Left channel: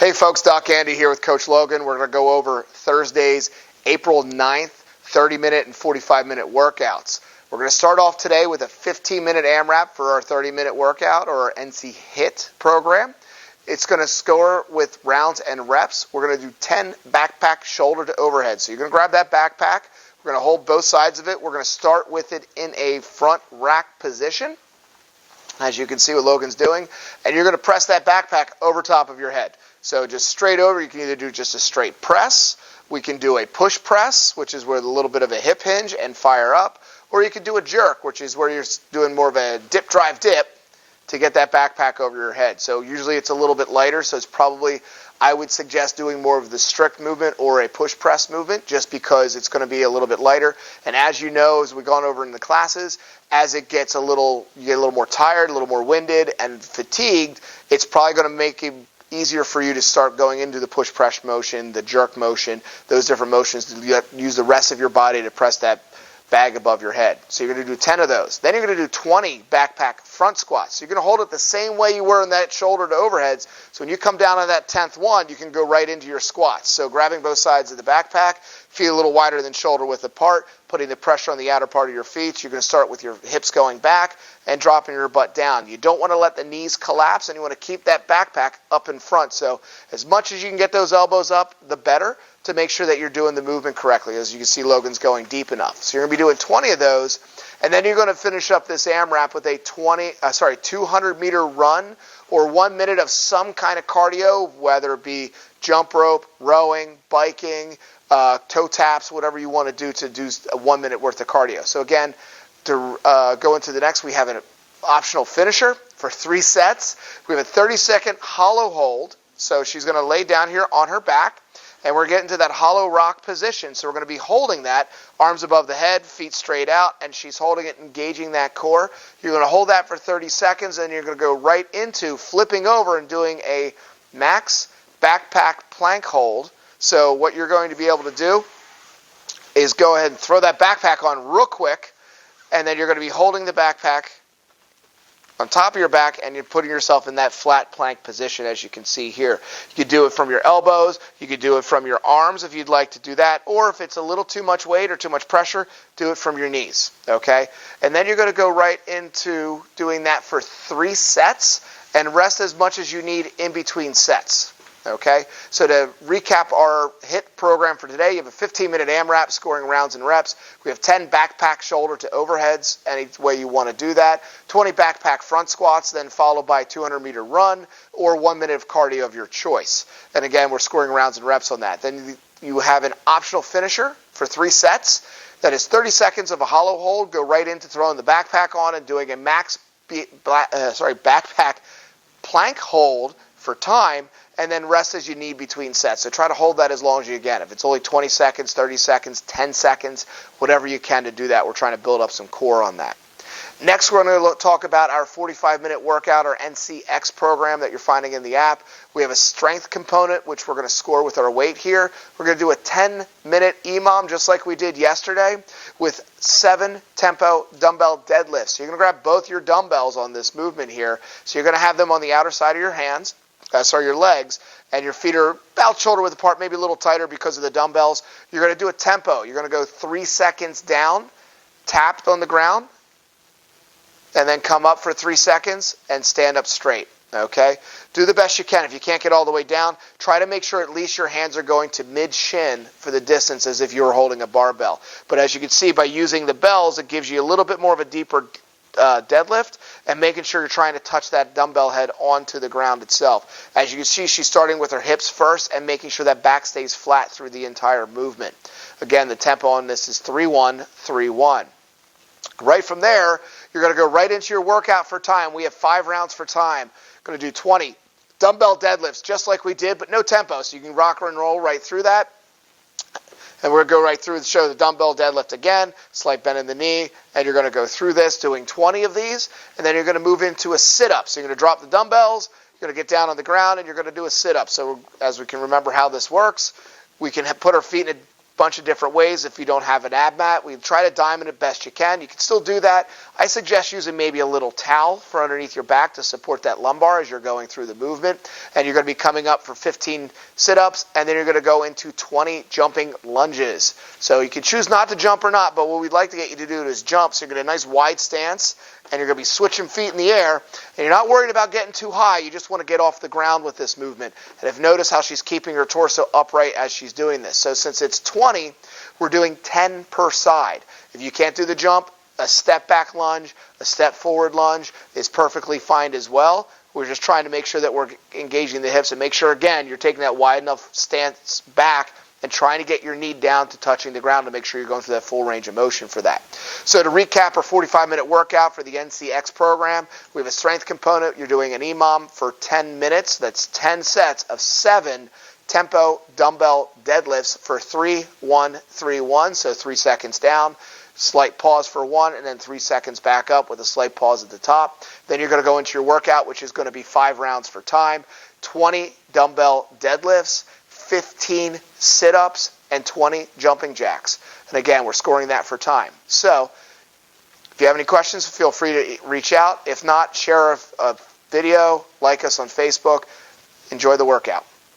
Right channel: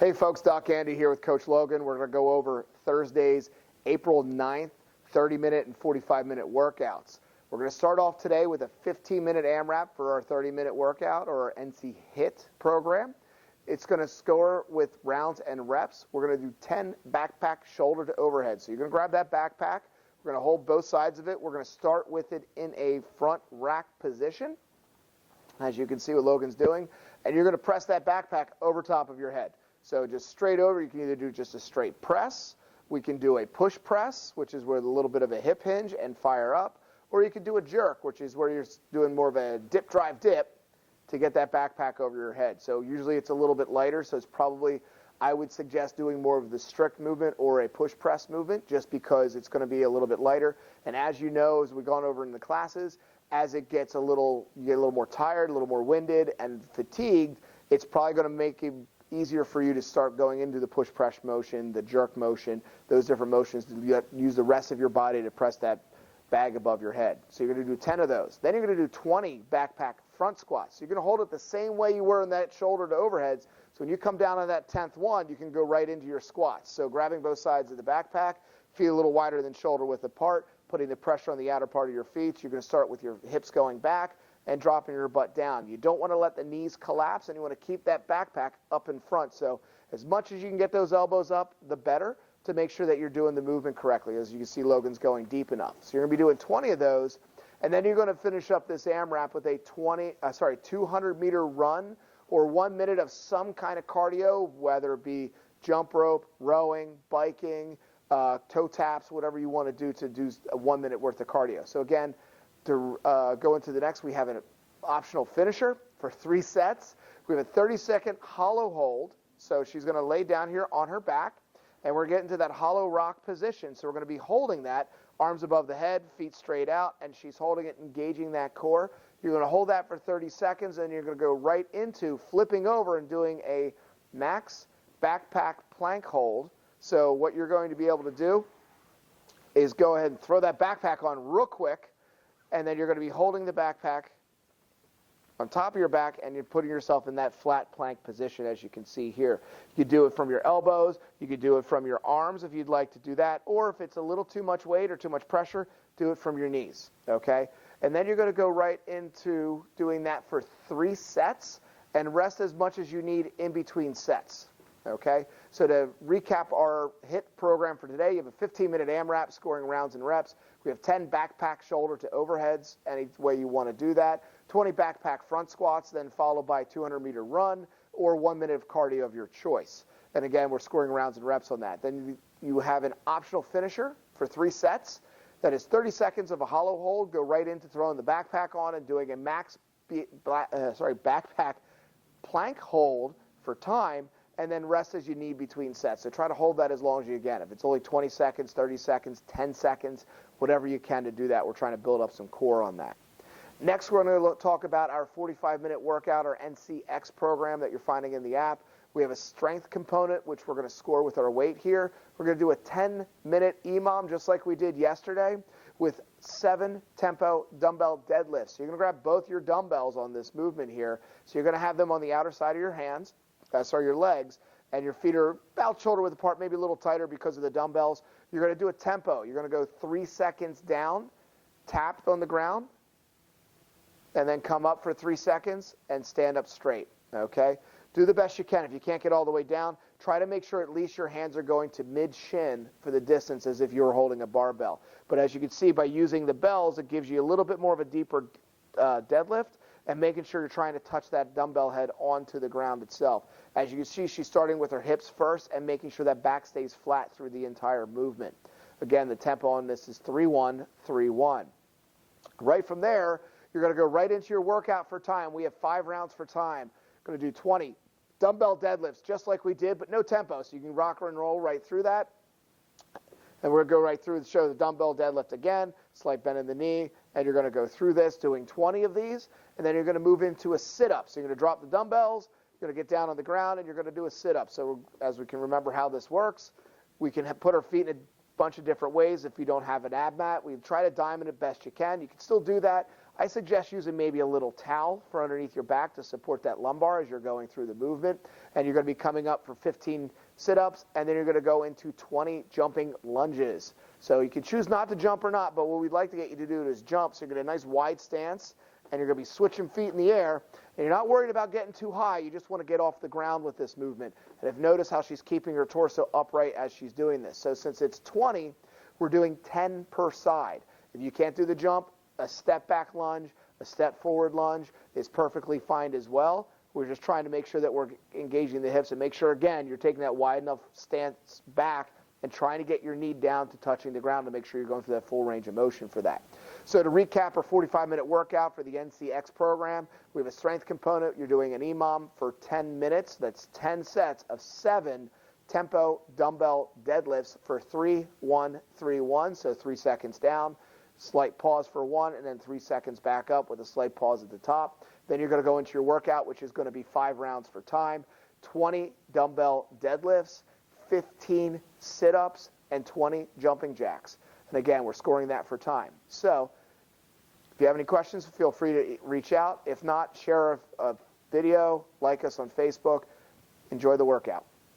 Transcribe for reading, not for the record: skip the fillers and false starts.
Hey folks, Doc Andy here with Coach Logan. We're going to go over Thursday's April 9th 30-minute and 45-minute workouts. We're going to start off today with a 15-minute AMRAP for our 30-minute workout, or our NC HIT program. It's going to score with rounds and reps. We're going to do 10 backpack shoulder to overhead. So you're going to grab that backpack. We're going to hold both sides of it. We're going to start with it in a front rack position, as you can see what Logan's doing. And you're going to press that backpack over top of your head. So just straight over, you can either do just a straight press. We can do a push press, which is with a little bit of a hip hinge and fire up. Or you can do a jerk, which is where you're doing more of a dip, drive, dip to get that backpack over your head. So usually it's a little bit lighter, so it's probably, I would suggest doing more of the strict movement or a push press movement, just because it's going to be a little bit lighter. And as you know, as we've gone over in the classes, as it gets you get a little more tired, a little more winded and fatigued, it's probably going to make it easier for you to start going into the push press motion, the jerk motion, those different motions to use the rest of your body to press that bag above your head. So you're going to do 10 of those. Then you're going to do 20 backpack front squats. So you're going to hold it the same way you were in that shoulder to overheads. So when you come down on that 10th one, you can go right into your squats. So grabbing both sides of the backpack, feet a little wider than shoulder width apart, putting the pressure on the outer part of your feet. You're going to start with your hips going back and dropping your butt down. You don't want to let the knees collapse, and you want to keep that backpack up in front. So as much as you can get those elbows up, the better, to make sure that you're doing the movement correctly. As you can see, Logan's going deep enough. So you're going to be doing 20 of those, and then you're going to finish up this AMRAP with a 200-meter run, or 1 minute of some kind of cardio, whether it be jump rope, rowing, biking, toe taps, whatever you want to do a 1 minute worth of cardio. So again, to go into the next, we have an optional finisher for 3 sets. We have a 30-second hollow hold. So she's going to lay down here on her back, and we're getting to that hollow rock position. So we're going to be holding that, arms above the head, feet straight out, and she's holding it, engaging that core. You're going to hold that for 30 seconds, and you're going to go right into flipping over and doing a max backpack plank hold. So what you're going to be able to do is go ahead and throw that backpack on real quick, and then you're going to be holding the backpack on top of your back, and you're putting yourself in that flat plank position, as you can see here. You could do it from your elbows, you could do it from your arms if you'd like to do that, or if it's a little too much weight or too much pressure, do it from your knees, okay? And then you're going to go right into doing that for 3 sets, and rest as much as you need in between sets. Okay, so to recap our HIT program for today, you have a 15-minute AMRAP scoring rounds and reps. We have 10 backpack shoulder to overheads, any way you want to do that. 20 backpack front squats, then followed by a 200-meter run, or 1 minute of cardio of your choice. And again, we're scoring rounds and reps on that. Then you have an optional finisher for 3 sets. That is 30 seconds of a hollow hold. Go right into throwing the backpack on and doing a max backpack plank hold for time, and then rest as you need between sets. So try to hold that as long as you can. If it's only 20 seconds, 30 seconds, 10 seconds, whatever you can to do that. We're trying to build up some core on that. Next, we're going to talk about our 45-minute workout, our NCX program that you're finding in the app. We have a strength component, which we're going to score with our weight here. We're going to do a 10-minute EMOM, just like we did yesterday, with 7 tempo dumbbell deadlifts. So you're going to grab both your dumbbells on this movement here. So you're going to have them on the outer side of your hands. Your legs, and your feet are about shoulder width apart, maybe a little tighter because of the dumbbells. You're going to do a tempo. You're going to go 3 seconds down, tapped on the ground, and then come up for 3 seconds and stand up straight. Okay? Do the best you can. If you can't get all the way down, try to make sure at least your hands are going to mid-shin for the distance as if you were holding a barbell. But as you can see, by using the bells, it gives you a little bit more of a deeper deadlift, and making sure you're trying to touch that dumbbell head onto the ground itself. As you can see, she's starting with her hips first and making sure that back stays flat through the entire movement. Again, the tempo on this is 3-1, 3-1. Right from there, you're going to go right into your workout for time. We have 5 rounds for time. Going to do 20 dumbbell deadlifts, just like we did, but no tempo, so you can rock and roll right through that. And we're going to go right through and show the dumbbell deadlift again, slight bend in the knee, and you're going to go through this doing 20 of these, and then you're going to move into a sit-up. So you're going to drop the dumbbells, you're going to get down on the ground, and you're going to do a sit-up. So as we can remember how this works, we can put our feet in a bunch of different ways. If you don't have an ab mat, we try to diamond it best you can. You can still do that. I suggest using maybe a little towel for underneath your back to support that lumbar as you're going through the movement. And you're going to be coming up for 15 sit-ups, and then you're going to go into 20 jumping lunges. So you can choose not to jump or not, but what we'd like to get you to do is jump. So you're going to get a nice wide stance, and you're going to be switching feet in the air, and you're not worried about getting too high. You just want to get off the ground with this movement. And if notice how she's keeping her torso upright as she's doing this. So since it's 20, we're doing 10 per side. If you can't do the jump, a step back lunge, a step forward lunge is perfectly fine as well. We're just trying to make sure that we're engaging the hips and make sure, again, you're taking that wide enough stance back and trying to get your knee down to touching the ground to make sure you're going through that full range of motion for that. So to recap our 45-minute workout for the NCX program, we have a strength component. You're doing an EMOM for 10 minutes. That's 10 sets of 7 tempo dumbbell deadlifts for 3-1-3-1, so 3 seconds down, slight pause for 1, and then 3 seconds back up with a slight pause at the top. Then you're going to go into your workout, which is going to be 5 rounds for time, 20 dumbbell deadlifts, 15 sit-ups, and 20 jumping jacks. And again, we're scoring that for time. So if you have any questions, feel free to reach out. If not, share a video, like us on Facebook. Enjoy the workout.